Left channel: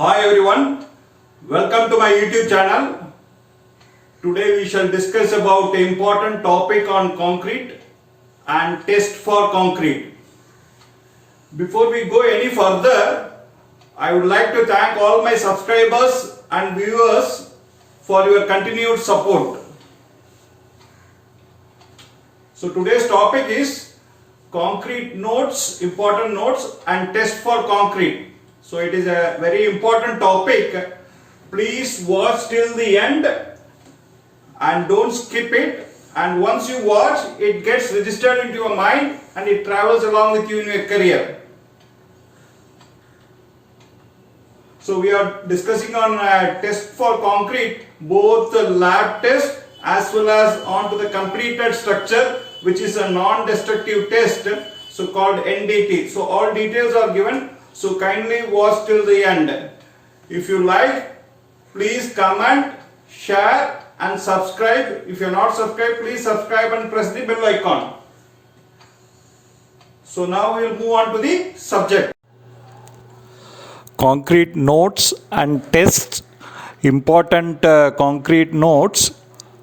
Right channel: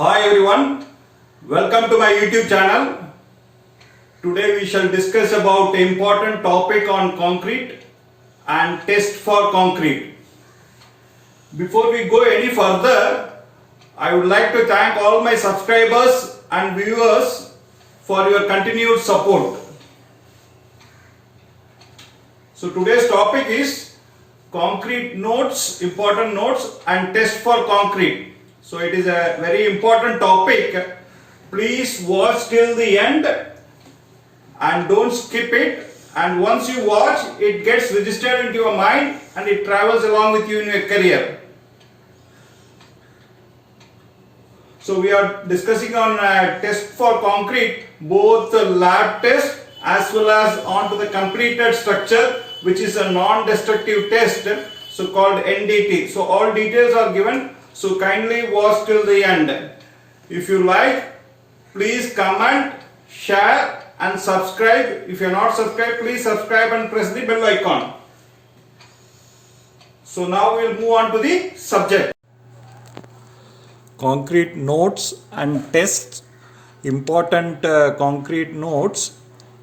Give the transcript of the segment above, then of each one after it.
Hi everyone, welcome to my YouTube channel. Today we shall discuss about the important topic on concrete and test for concrete. Before we go any further, I would like to thank all my subscribers and viewers for your continued support. So today's topic is concrete notes, important notes and test for concrete. So it is a very important topic. Please watch till the end and don't skip it. And once you watch, it gets registered into your mind and it travels along with you in your career. So we are discussing on test for concrete, both the lab test as well as onto the completed structure, which is a non-destructive test, so called NDT. So all details are given. So kindly watch till the end. If you like, please comment, share and subscribe. If you are not subscribed, please subscribe and press the bell icon. So now we will move on to the subject. Concrete notes and tests, important concrete notes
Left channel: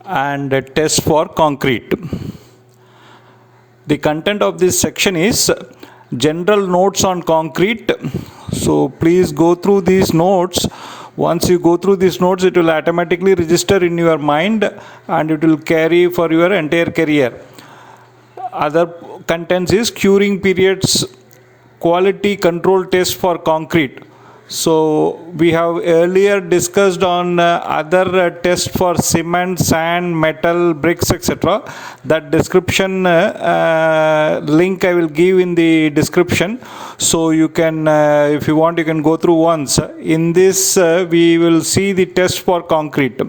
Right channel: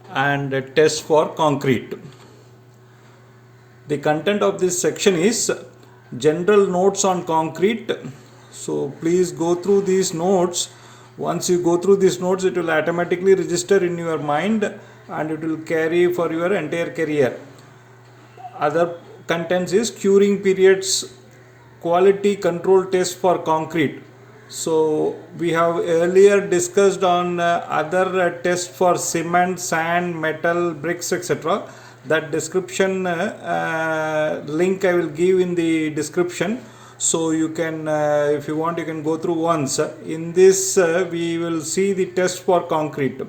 and tests for concrete. The content of this section is general notes on concrete. So please go through these notes. Once you go through these notes, it will automatically register in your mind and it will carry for your entire career. Other contents is curing periods, quality control test for concrete. So we have earlier discussed on other tests for cement, sand, metal, bricks, etc. That description link I will give in the description. So you can, if you want, you can go through once. In this, we will see the test for concrete.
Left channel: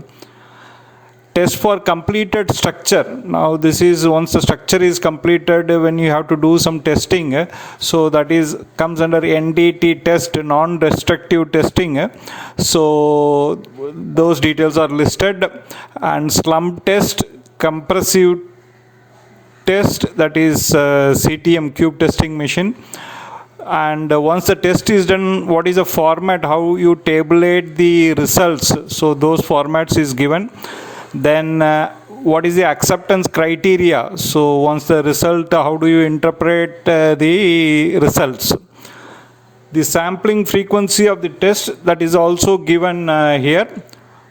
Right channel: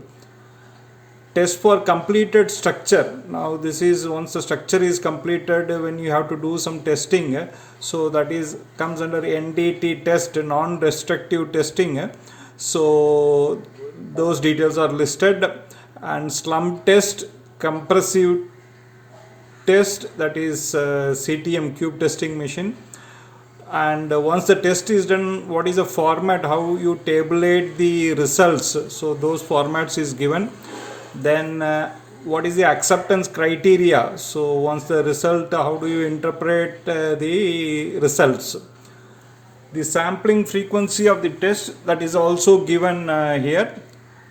Test for completed structure. Now this is once the structure is completed, when you have to do some testing. So that is comes under NDT test, non-destructive testing. So those details are listed. And slump test, compressive test, that is CTM cube testing machine. And once the test is done, what is the format, how you tabulate the results. So those formats is given. Then what is the acceptance criteria? So once the result, how do you interpret the results? The sampling frequency of the test, that is also given here.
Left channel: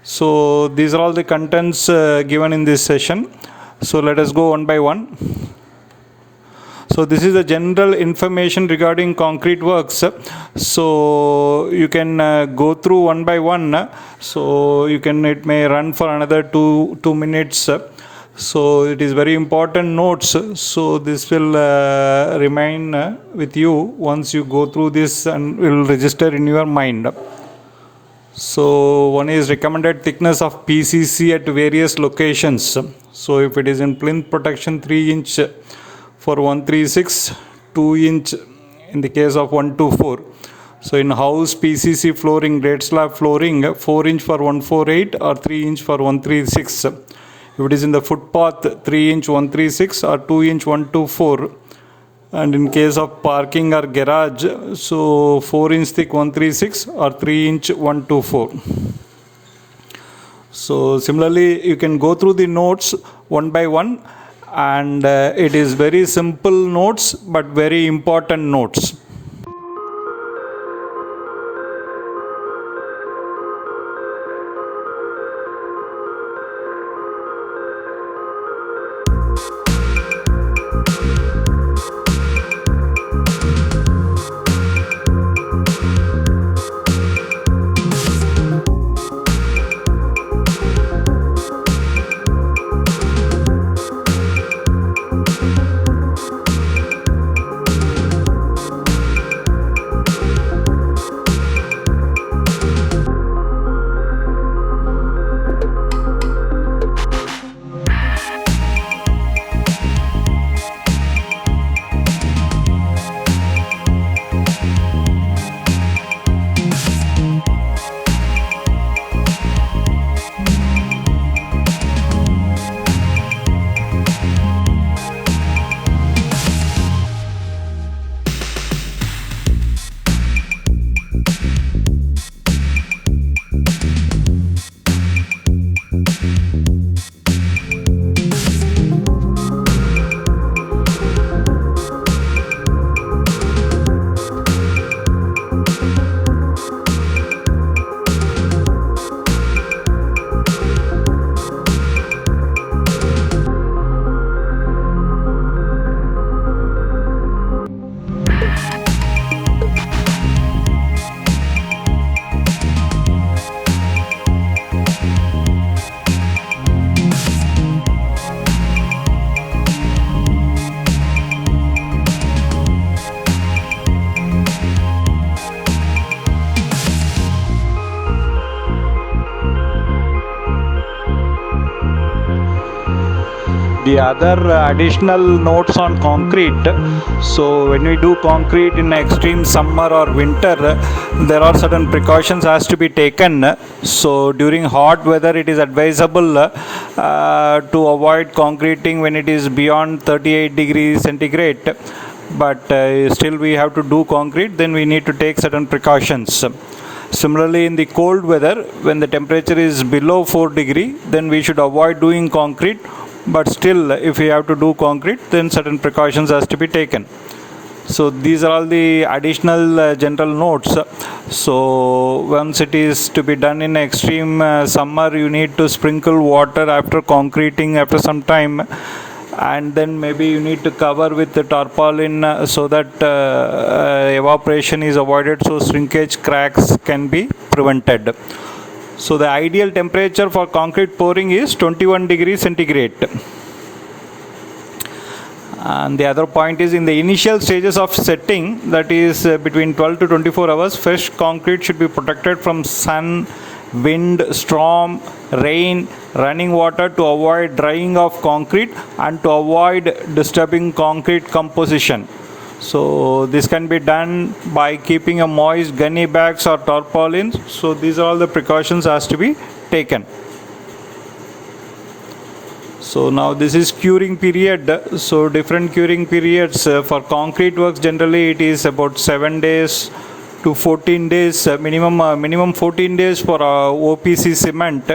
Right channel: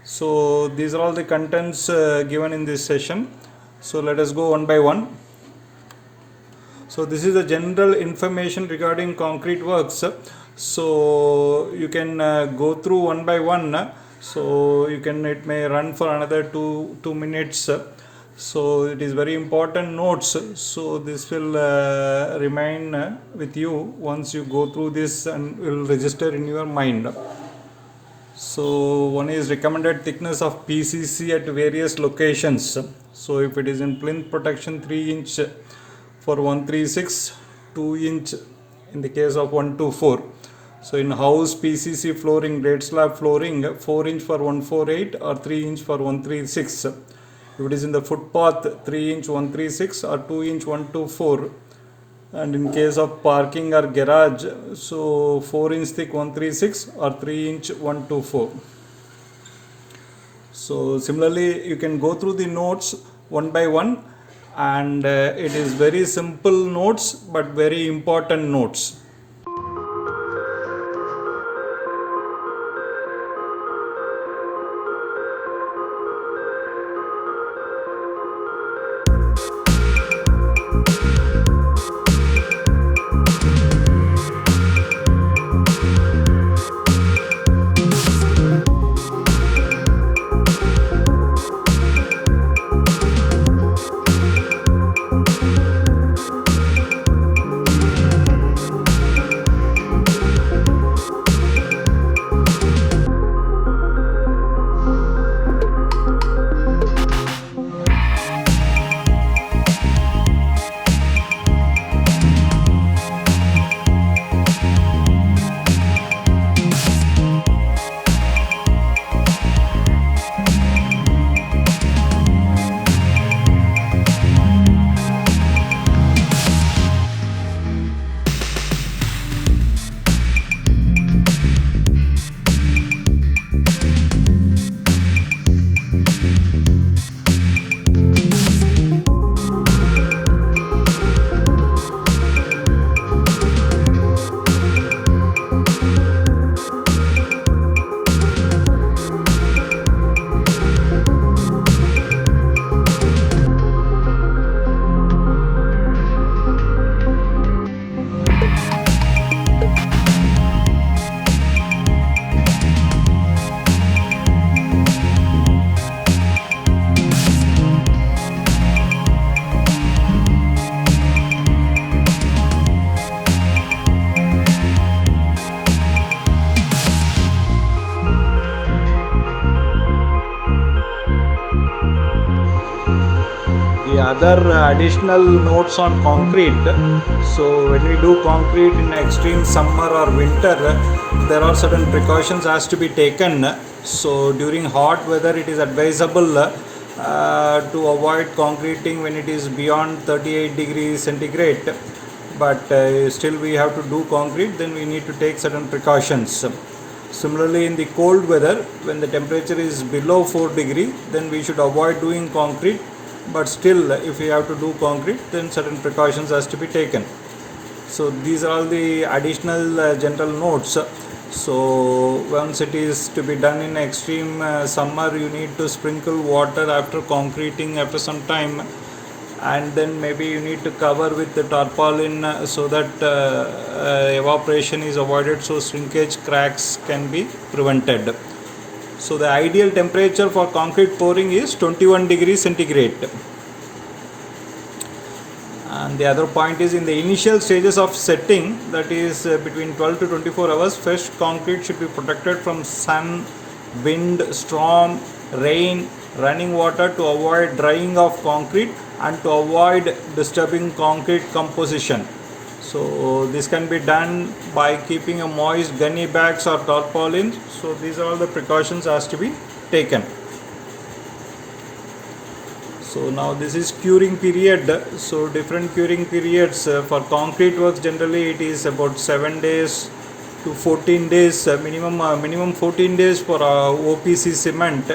So these are all the contents given in this session. So let us go one by one. So this is the general information regarding concrete works. So you can go through one by one. So you can, it may run for another two minutes. So it is very important notes. So this will remain with you once you go through this and will register in your mind. So one is recommended thickness of PCC at various locations. So if it is in plinth protection, 3 inch for 136, 2 inch in the case of 124. So in house PCC flooring, grade slab flooring, 4 inch for 148 or 3 inch for 136. If it is in the footpath, 3 inch 136 or 2 inch 124. And in case of parking or garage, so 4 inch thick 136 or 3 inch 124. So similarly, you can go through the notes one by one. And it is very simple notes but very important notes. the other additional notes on concrete. So when we do concrete in extreme summer or winter, there are certain precautions has to be taken. So during hot weather, it is advisable to avoid concreting when it is beyond 38 degrees centigrade. But still we have to do concrete, then we need to take certain precautions. Similarly, in the cold weather, when the temperature is below 4 degree, then we should avoid doing concrete. But still, if we have to do concrete, then certain precautions has to be taken. So these are all the additional general notes. So once it is to be done in extreme summer, you need to sprinkle water after concreting after some time, and then maybe you need to cover with the tarpaulin so that evaporation is avoided, so shrinkage cracks can be prevented. So the ideal temperature for concrete pouring is 21 degrees centigrade. And the other point is, in the initial stages of setting, that is between 12 to 24 hours, fresh concrete should be protected from sun, wind, storm, rain, running water, to avoid drying of concrete and to avoid disturbing concrete composition. So this can be done by keeping a moist gunny bags or tarpaulins. So these are all the precautions has to be taken. So now this is curing period. So different curing periods for concrete works, generally it is about 7 days to 14 days, minimum 14 days for OPC cement,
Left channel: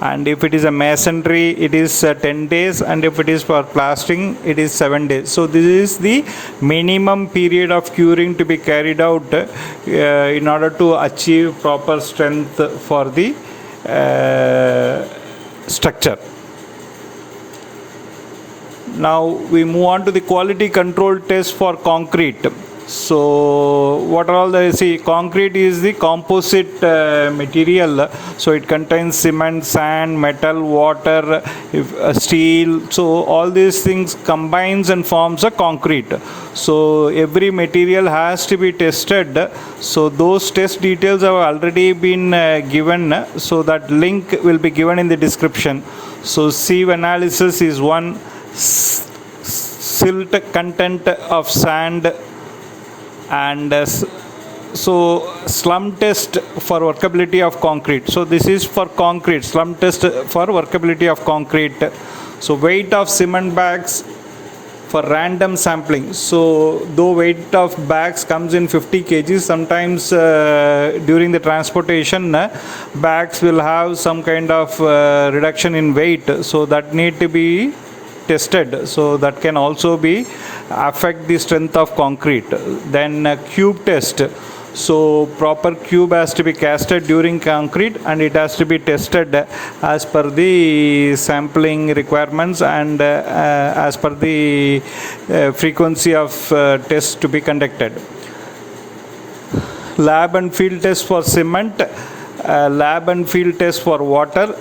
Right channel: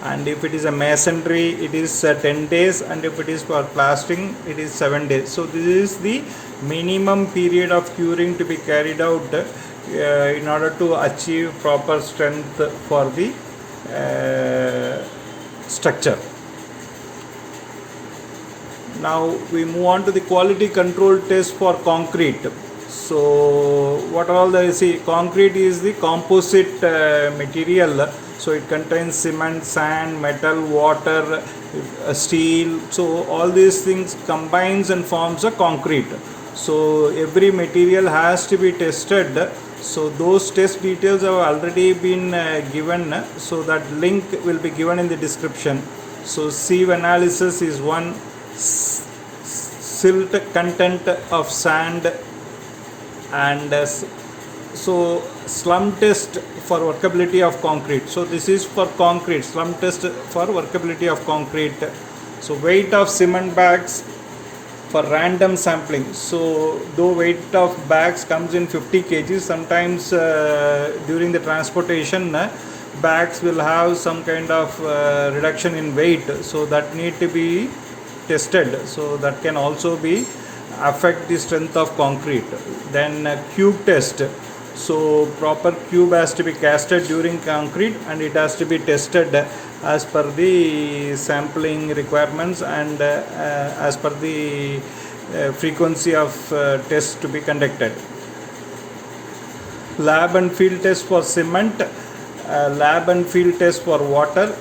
and if it is a masonry it is 10 days, and if it is for plastering it is 7 days. So this is the minimum period of curing to be carried out in order to achieve proper strength for the structure. Now we move on to the quality control test for concrete. So what are all the, concrete is the composite material, so it contains cement, sand, metal, water, steel, so all these things combines and forms a concrete. So every material has to be tested. So those test details have already been given, so that link will be given in the description. So sieve analysis is one, silt content of sand, and so slump test for workability of concrete. So this is for concrete, slump test for workability of concrete. So weight of cement bags for random sampling. So though weight of bags comes in 50 kg, sometimes during the transportation bags will have some kind of reduction in weight, so that need to be tested. So that can also be affect the strength of concrete. Then cube test. So proper cube has to be casted during concrete, and it has to be tested as per the sampling requirements and as per the frequency of tests to be conducted. Lab and field test for cement, lab and field test for water,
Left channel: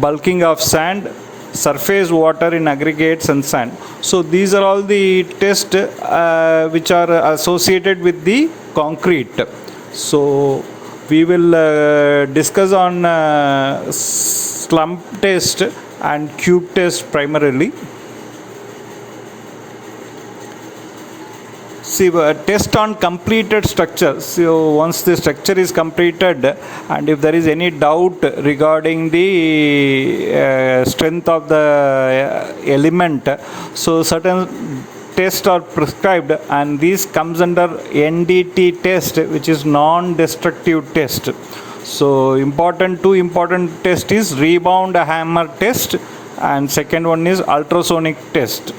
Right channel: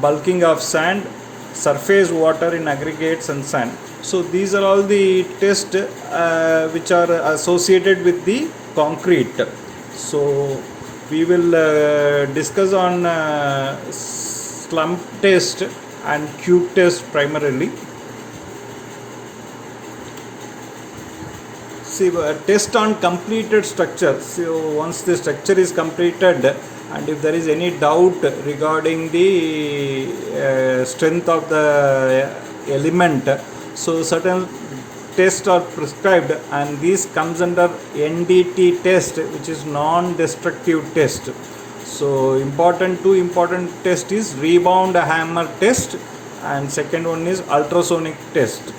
bulking of sand, surface water in aggregates and sand. So these are all the tests which are associated with the concrete. So we will discuss on slump test and cube test primarily. See, test on completed structure. So once the structure is completed, and if there is any doubt regarding the strength of the element, so certain tests are prescribed, and this comes under NDT test, which is non-destructive test. So two important test is rebound hammer test, and second one is ultrasonic test.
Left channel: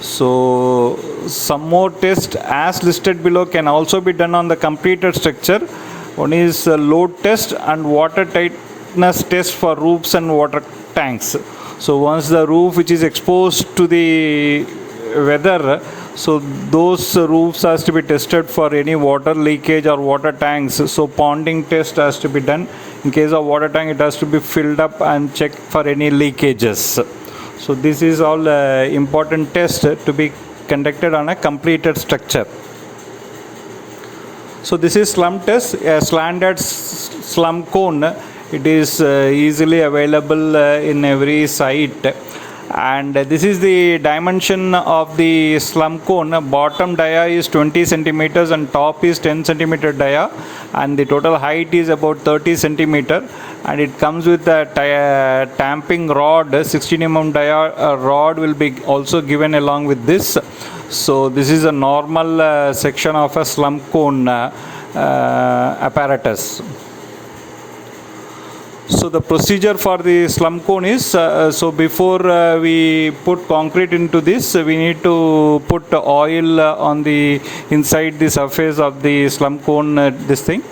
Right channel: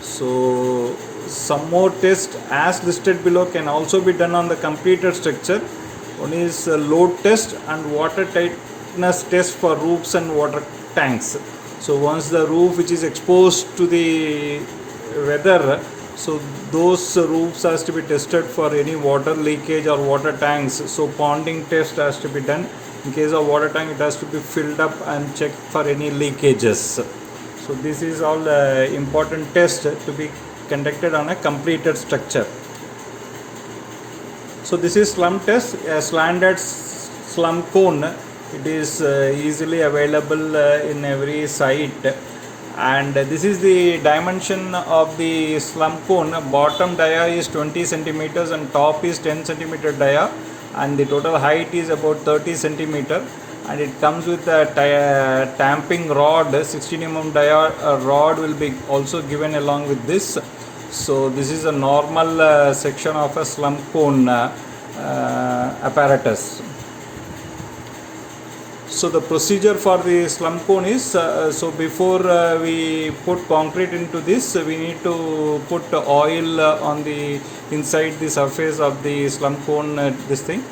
So some more tests as listed below can also be done on the completed structure. One is load test and water tightness test for roofs and water tanks. So once the roof which is exposed to the weather, so those roofs has to be tested for any water leakage or water tanks. So ponding test has to be done. In case of water tank, it has to be filled up and checked for any leakages. So this is all important test to be conducted on a completed structure. So this is slump test, a slanted slump cone. It is easily available in every site, And this is the dimension of the slump cone. Bottom dia is 20 centimeters and top is 10 centimeter dia, and the total height is about 30 centimeter, and it comes with a tamping rod. 16 mm dia rod will be also given along with this. So this is a normal section of a slump cone apparatus. So the procedure for the slump cone is, so before we put concrete into this, we need to put oil on the inside the surface of the slump cone, this thing,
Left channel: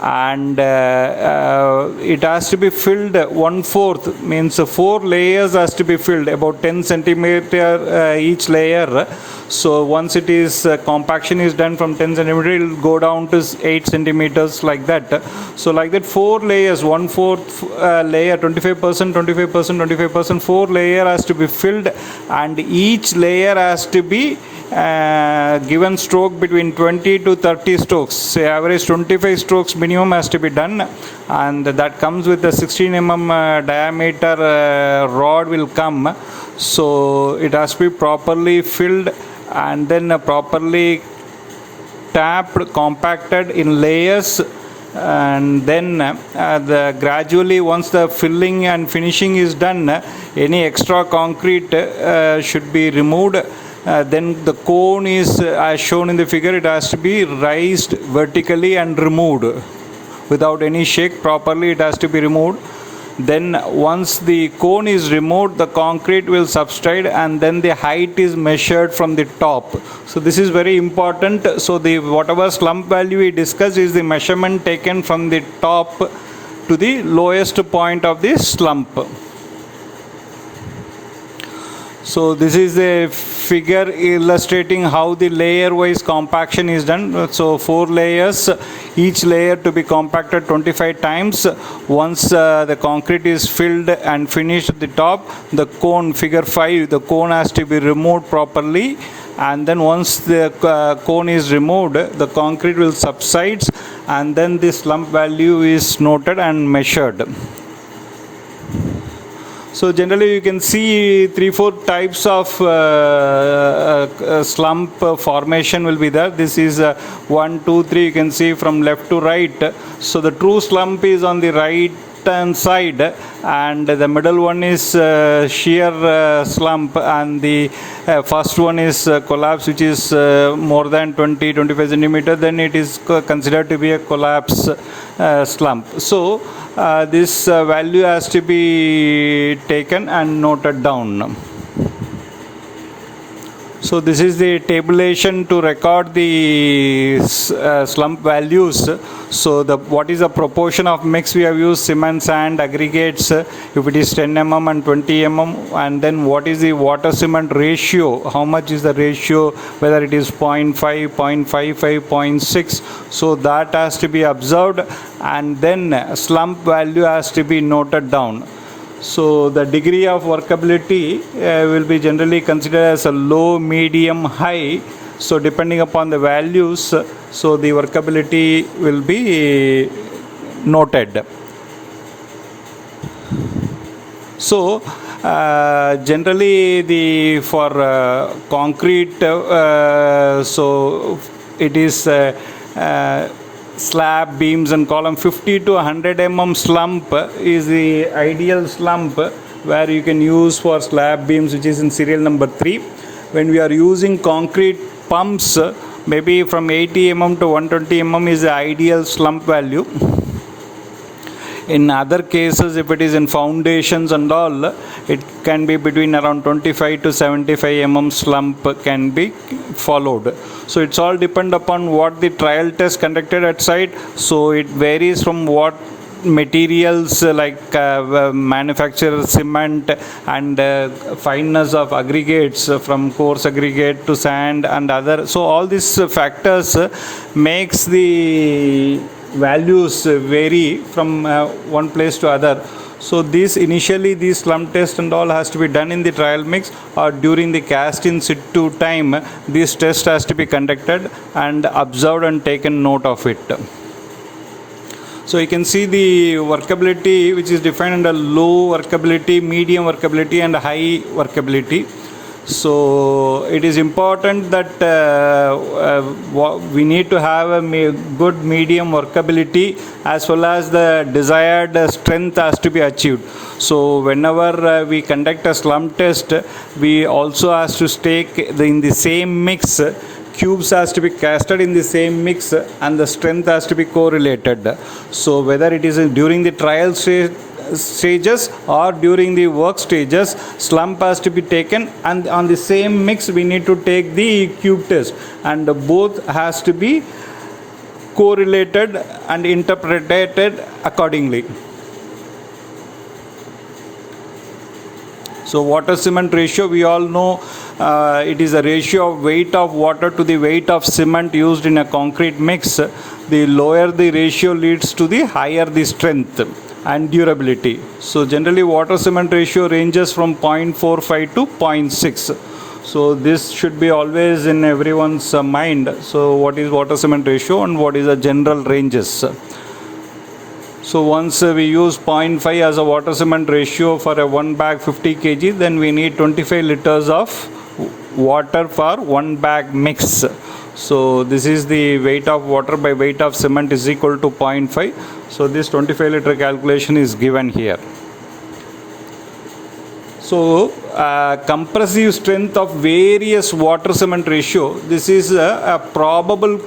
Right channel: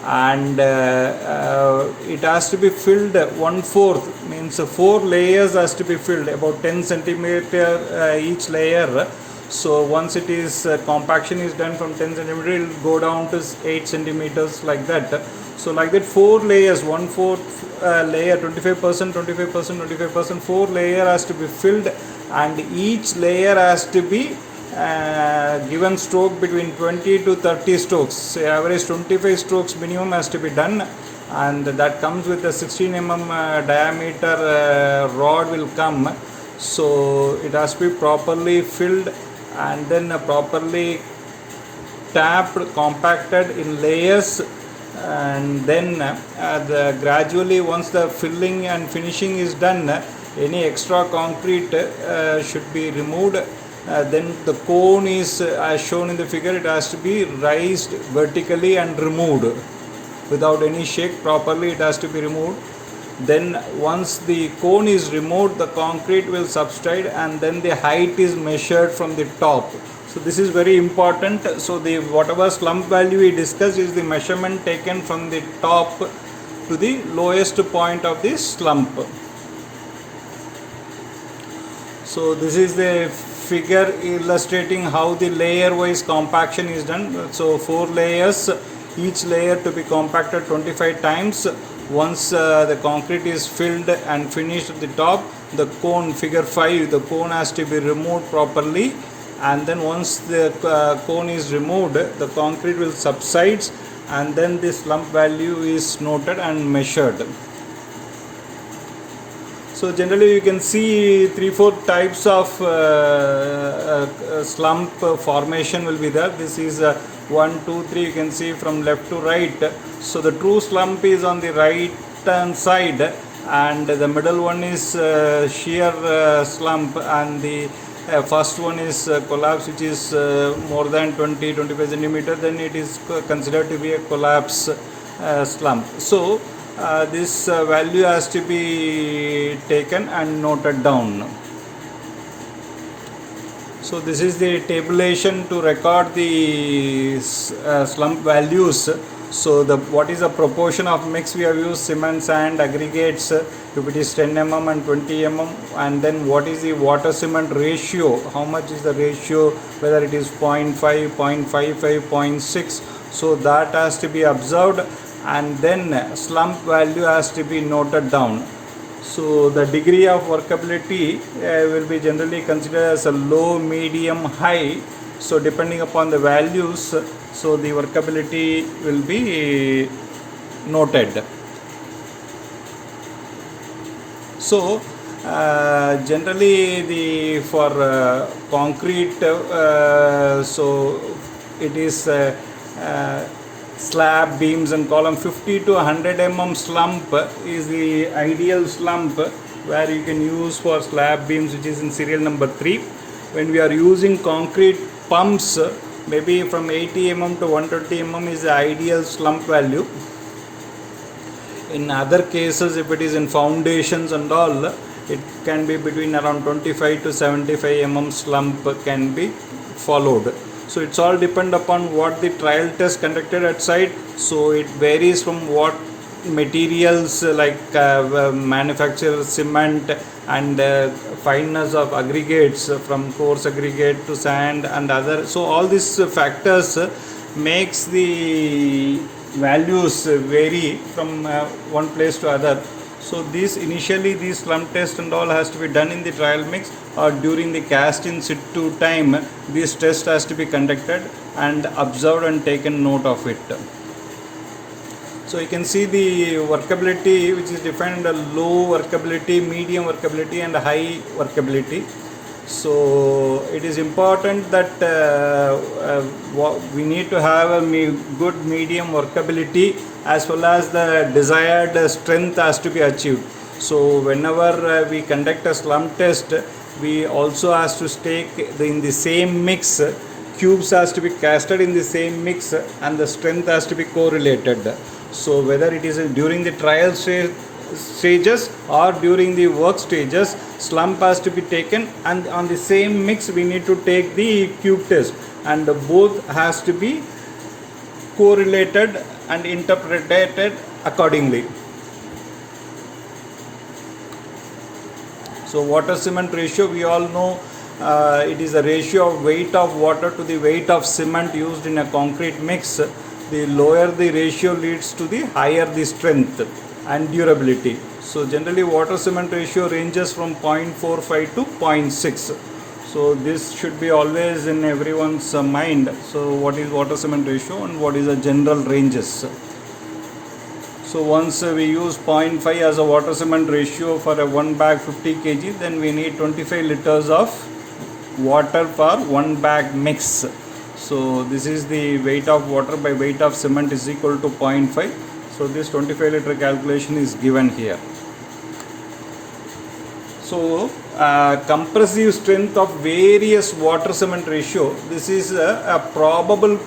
and it has to be filled 1/4, means 4 layers has to be filled, about 10 centimeter each layer. So once it is compaction is done from 10 centimeter, it will go down to 8 centimeters, like that. So like that, 4 layers, 1/4 layer, 25%, 25%, 25%, 4 layer has to be filled, and each layer has to be given stroke between 20 to 30 strokes. Say average 25 strokes minimum has to be done, and that comes with a 16 mm diameter rod will come. So it has to be properly filled and then properly tapped, compacted in layers, and then gradually, once the filling and finishing is done, any extra concrete should be removed. Then the cone is, as shown in the figure, it has to be raised vertically and removed without any shake. Properly it has to be removed. Then once the cone is removed, the concrete will subside, and then the height is measured from the top. So this is very important. So the whatever slump value we discussed is the measurement taken from the top to the lowest point of the slump. So this is a figure illustrating how the layer wise compaction is done. So 4 layers, each layer to be compacted 25 times. Once the concrete is filled and finished at the top, the cone, figure 5, the cone has to be removed properly, and then once the cone is removed, the concrete will subside, and then the slump value is noted and measured. So generally you can see 3-4 types of slump formation will be there. This is 1, 2, 3, you can see from left to right. So the true slump is on the right hand side, and the middle one is shear slump, and the first one is collapse, which is more than 20-25 centimeter. Then it is considered to be a collapse slump. So this value has to be taken and noted down. So this is the tabulation to record the slump values. So what is the proportion of mix we have used? Cement, sand, aggregates, if it is 10 mm and 20 mm, and then what is the water cement ratio, how much is the ratio, whether it is 0.5, 0.55, 0.6. So that has to be observed, and then slump value has to be noted down. So the degree of workability will be generally considered as a low, medium, high. So depending upon the values, so the workability will be noted. So generally for concrete, so it is slab, beams and column. 50 to 100 mm slump is the ideal slump where you can use for slab beams, which is in serial number 3. When we are using concrete pumps, maybe from 80 mm to 120 mm is the ideal slump value. In other cases, if it is in foundations and all, it can be between around 25 to 75 mm slump can be followed. So it's all depend upon what the trial test conducted at site. So it varies from what materials like manufacturer cement and fineness of aggregates, from coarse aggregate to sand and other. So all these factors makes the values vary from one place to other. So these slump test and all has to be done in the trial mix or during the cast in situ time. This test has to be conducted and observed and taken note of it. So you can see the workability, which is defined under low workability, medium workability and high workability. So it is important that we need to have a good medium workability as well as the desired strength has to be achieved. So whenever we conduct a slump test, we also has to stake in the same mix. Cubes has to be casted in the same mix and the strength has to be correlated. So whether it is during the trial stages or during the work stages, slump has to be taken, and on the same mix we need to take the cube test, and both has to be correlated and interpreted accordingly. So water cement ratio, we all know it is a ratio of weight of water to the weight of cement used in a concrete mix. The lower the ratio leads to the higher the strength and durability. So generally water cement ratio ranges from 0.45 to 0.6. So this should be always in everyone's mind. So what is water cement ratio and what is the general ranges? So once we use 0.5 as a water cement ratio for a 1 bag 50 kg, then we need 25 liters of water for 1 bag mix. So this is the weight of water by weight of cement is equal to 0.5. So this 25 liter calculation is given here. So compressive strength of various water cement ratio, this is a probable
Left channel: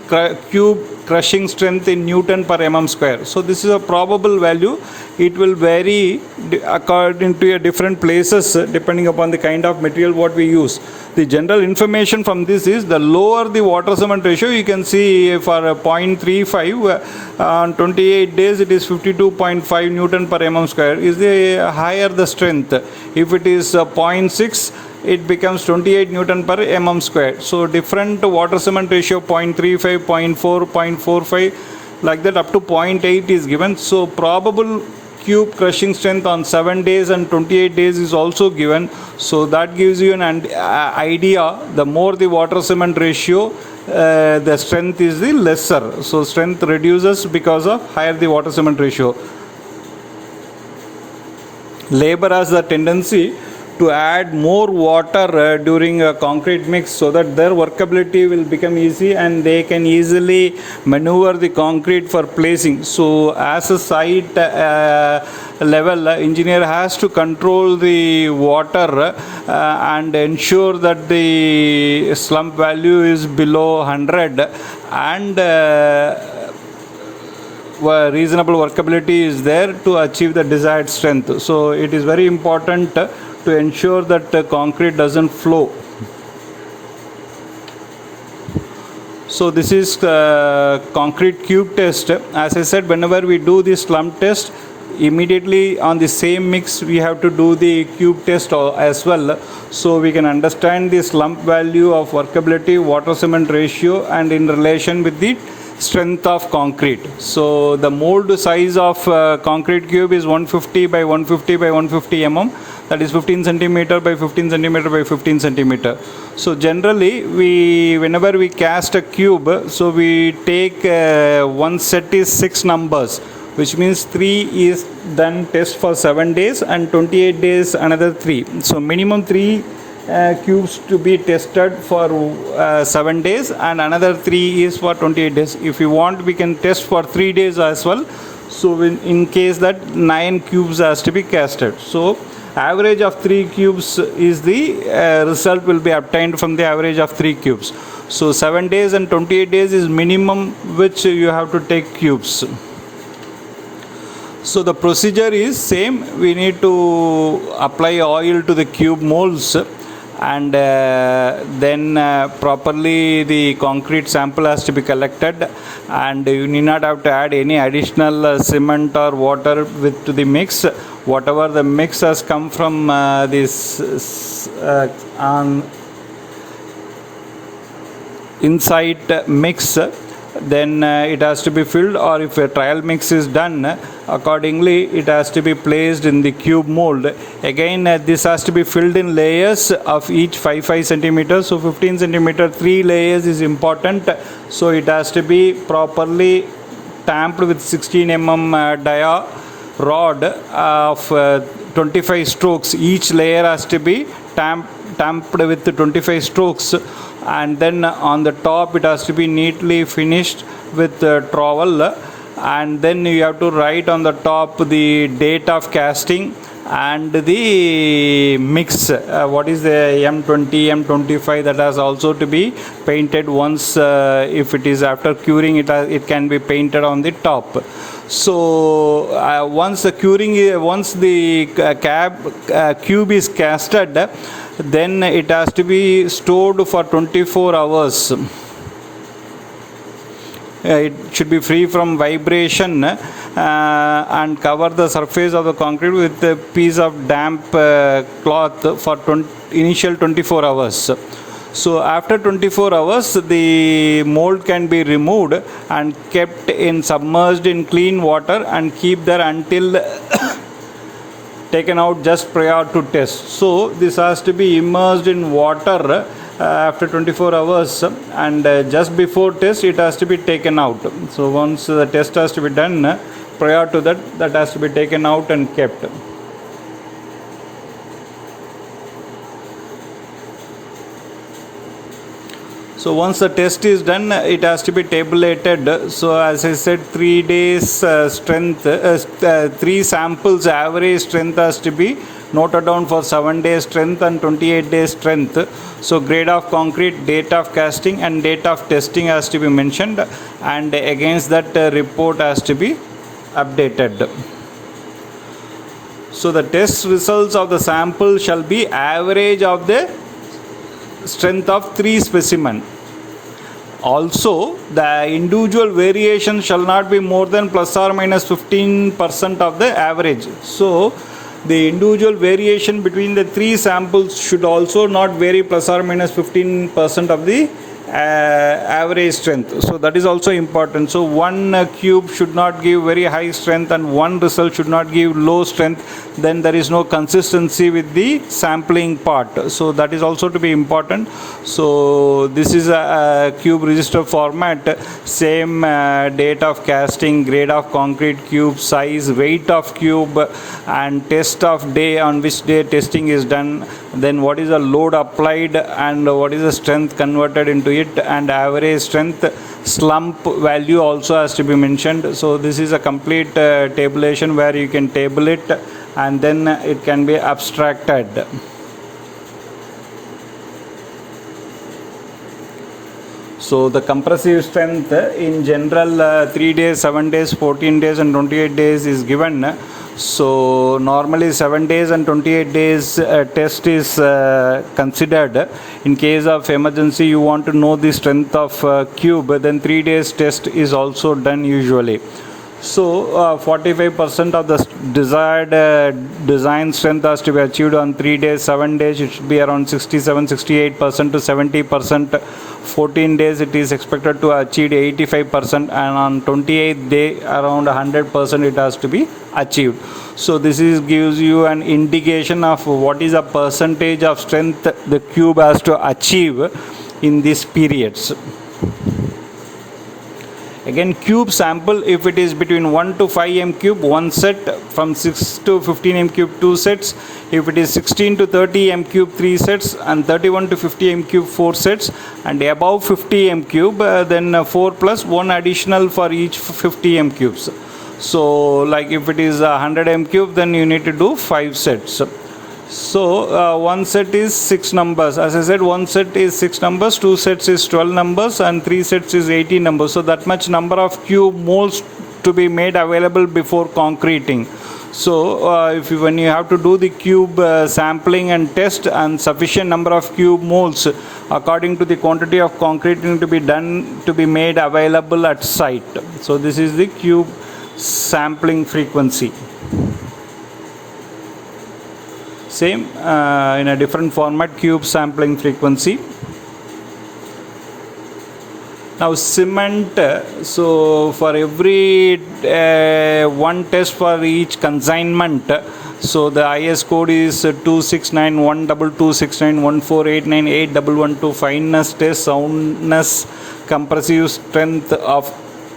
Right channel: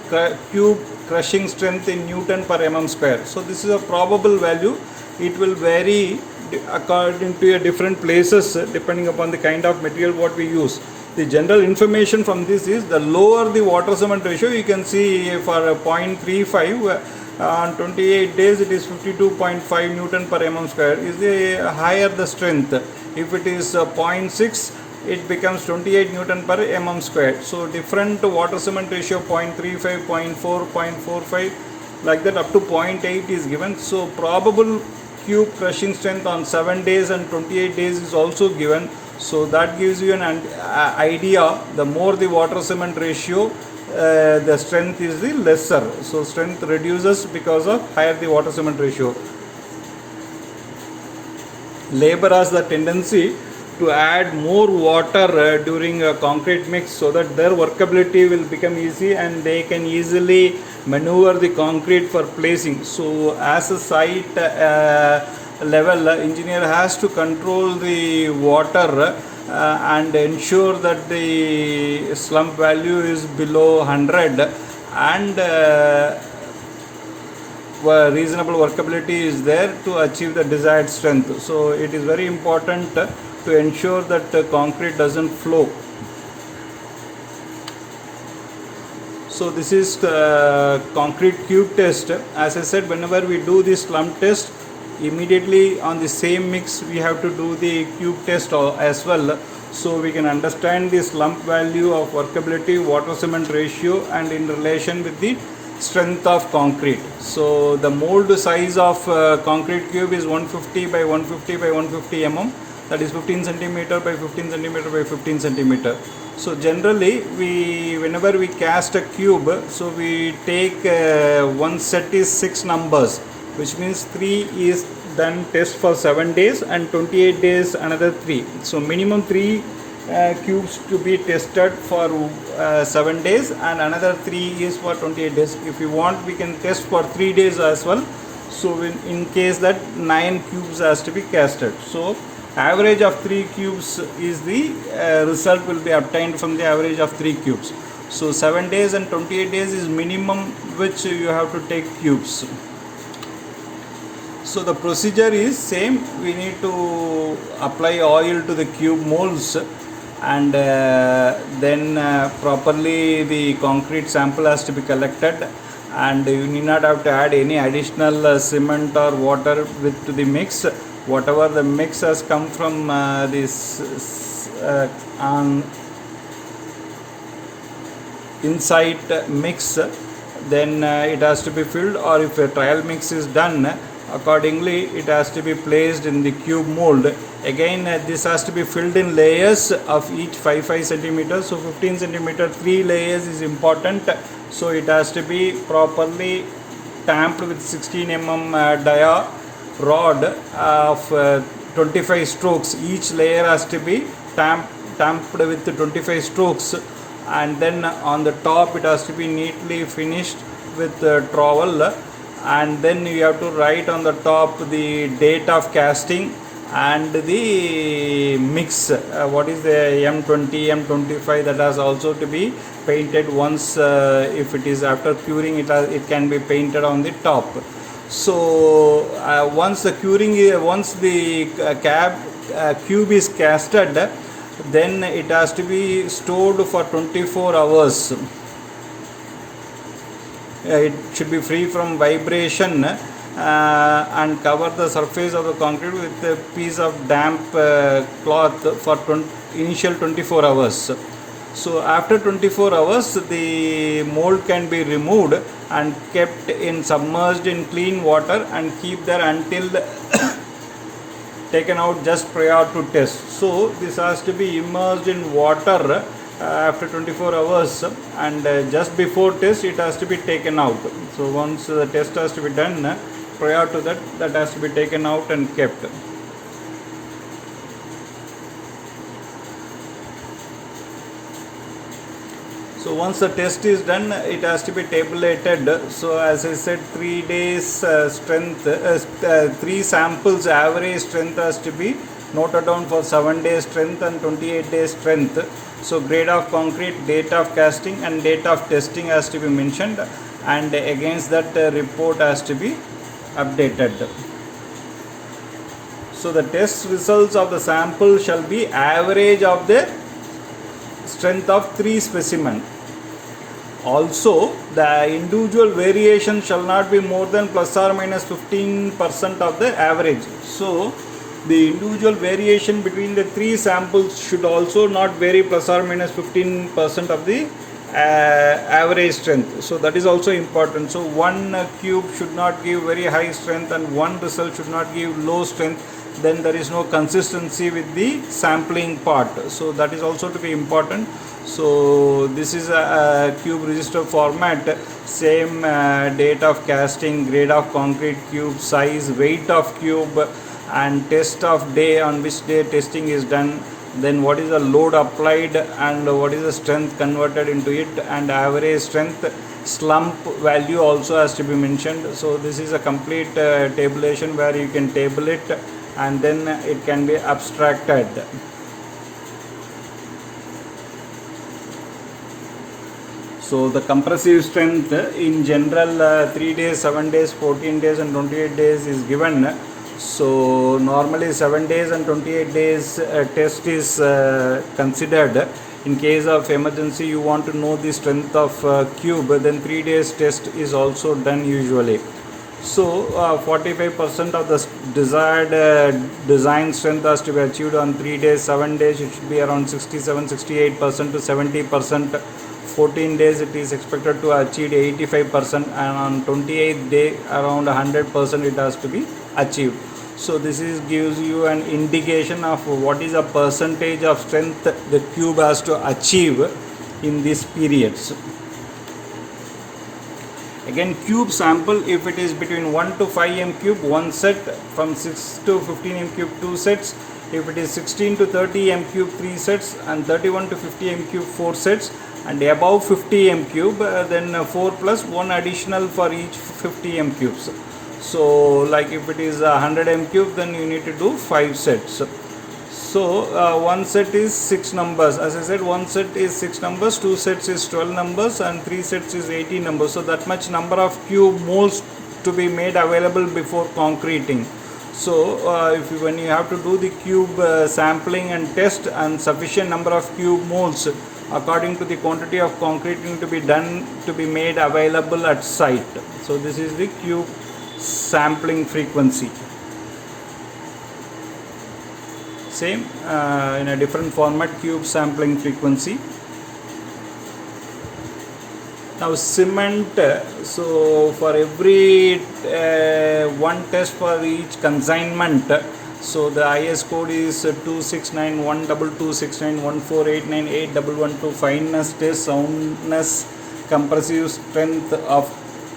cube crushing strength in Newton per mm square. So this is a probable value. It will vary according to different places depending upon the kind of material what we use. The general information from this is the lower the water cement ratio, you can see for 0.35 on 28 days it is 52.5 Newton per mm square. Is the higher the strength. If it is 0.6, it becomes 28 Newton per mm square. So different water cement ratio 0.35, 0.4, 0.45 like that up to 0.8 is given. So probable cube crushing strength on 7 days and 28 days is also given. So that gives you an idea. The more the water cement ratio, the strength is the lesser. So strength reduces because of higher the water cement ratio. Labor has the tendency to add more water during a concrete mix so that their workability will become easy and they can easily maneuver the concrete for placing. So as a site level, engineer has to control the water and ensure that the slump value is below 100 and reasonable workability is there to achieve the desired strength. So it is very important to ensure that the concrete doesn't flow. So this is concrete cube test. As I said, whenever we do the slump test, immediately on the same mix we have to do the cube test as well, so we can understand the slump value of workability, water cement ratio, and in relation with the strength of concrete. So the mold size of concrete cube is 150 by 150 by 150 mm, that is 15 centimeter by 15 centimeter by 15 centimeter. So generally whenever we cast a cube, so we take one set is 6 numbers, which means 3 is then test for 7 days and 28 days another 3. So minimum 3 cubes to be tested for 7 days and another 3 is for 28 days. If you want, we can test for 3 days as well. So in case that 9 cubes has to be casted. So average of 3 cubes is the result will be obtained from the average of 3 cubes. So 7 days and 28 days is minimum which you have to take cubes. So the procedure is same. We need to apply oil to the cube molds and then properly the concrete sample has to be collected, and you need not have to add any additional cement or water to the mix. Whatever the mix has come from this on inside mix, then it has to be filled, or if a trial mix is done, accordingly it has to be placed in the cube mold. Again this has to be filled in layers of each 5 centimeters. So 15 centimeter 3 layers is important. So it has to be properly tamped with 16 dia rod of 25 strokes. Each layer has to be tamped with 25 strokes, and then on the top it has to be neatly finished with trowel, and then you have to write on the top the date of casting and the mix, what is the M20, M25, that has also to be painted once. If it is after curing, it can be painted on the top. So once the cube is casted, then it has to be stored for 24 hours. It should be free from vibration, and cover the surface of the concrete with a piece of damp cloth for initial 24 hours. So after 24 hours, the mold can be removed and kept submerged in clean water and keep there until taken out just prior to test. So this has to be immersed in water after 24 hours, and just before test it has to be taken out. So once the test has to be done, prior to that has to be taken out and kept. So once the test is done, it has to be tabulated. So as I said, 3 days strength, 3 samples average strength has to be noted down for 7 days strength and 28 days strength. So grade of concrete, date of casting and date of testing has to be mentioned, and against that report has to be updated. So the test results of the sample shall be average of the strength of 3 specimens. Also, the individual variation shall not be more than plus or minus 15% of the average. So the individual variation between the 3 samples should also not vary plus or minus 15% of the average strength. So that is also important. So one cube should not give very high strength and one result should not give low strength. Then there is no consistency with the sampling part. So that is also to be important. So this is a cube register format. Same date of casting, grade of concrete cube, size, weight of cube, and test of day, on which day testing is done, then what is the load applied and what is the strength converted into it, and average strength, slump value also has to be mentioned. So this is a complete tabulation where you can table it and then it can be abstracted. So the compressive strength in general 3 days, 7 days, 14 days and 28 days is given. So normally 7 days and 28 days test is considered. In case of emergency, you want to know the strength of cube, then 3 days test is also done usually. So 45% of the desired design strength has to be achieved on 3 days. 7 days it should be around 67-68% to 70%. 14 days it is expected to achieve 85%, and on 28th day around 100% it has to be achieved. So this gives you an indication of what is a percentage of strength the cube has to achieve in these periods. Again, cube sample, if it is between 1 to 5 m cube, 1 set, from 6 to 15 m cube, 2 sets. If it is 16 to 30 m cube, 3 sets, and 31 to 50 m cube, 4 sets, and above 50 m cube, then 4 plus 1 additional for each 50 m cubes. So like if it is 100 m cube, then you need to do 5 sets. So one set is 6 numbers. As I said, one set is 6 numbers, 2 sets is 12 numbers, and 3 sets is 18 numbers. So that much number of cube molds to be made available before concreting. So when you have to do the cube sampling and test, and sufficient number of cube molds according to the quantity of concreting to be done to be made available at site. So this is the cube sampling frequency. Same in a different format, cube sampling frequency. Now cement, so for every one test for each consignment, so the IS code is 26912269148981112, fineness test, soundness, compressive strength of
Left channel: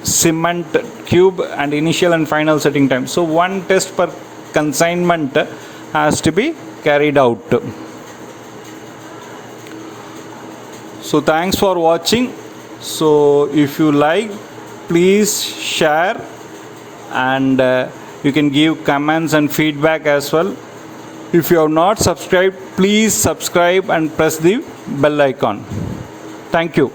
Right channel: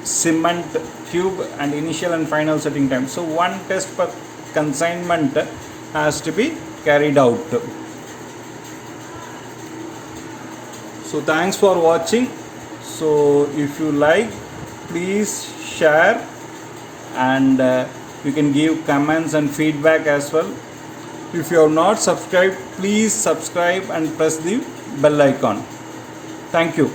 cement cube and initial and final setting time. So one test per consignment has to be carried out. So thanks for watching. So if you like, please share, and you can give comments and feedback as well. If you have not subscribed, please subscribe and press the bell icon. Thank you.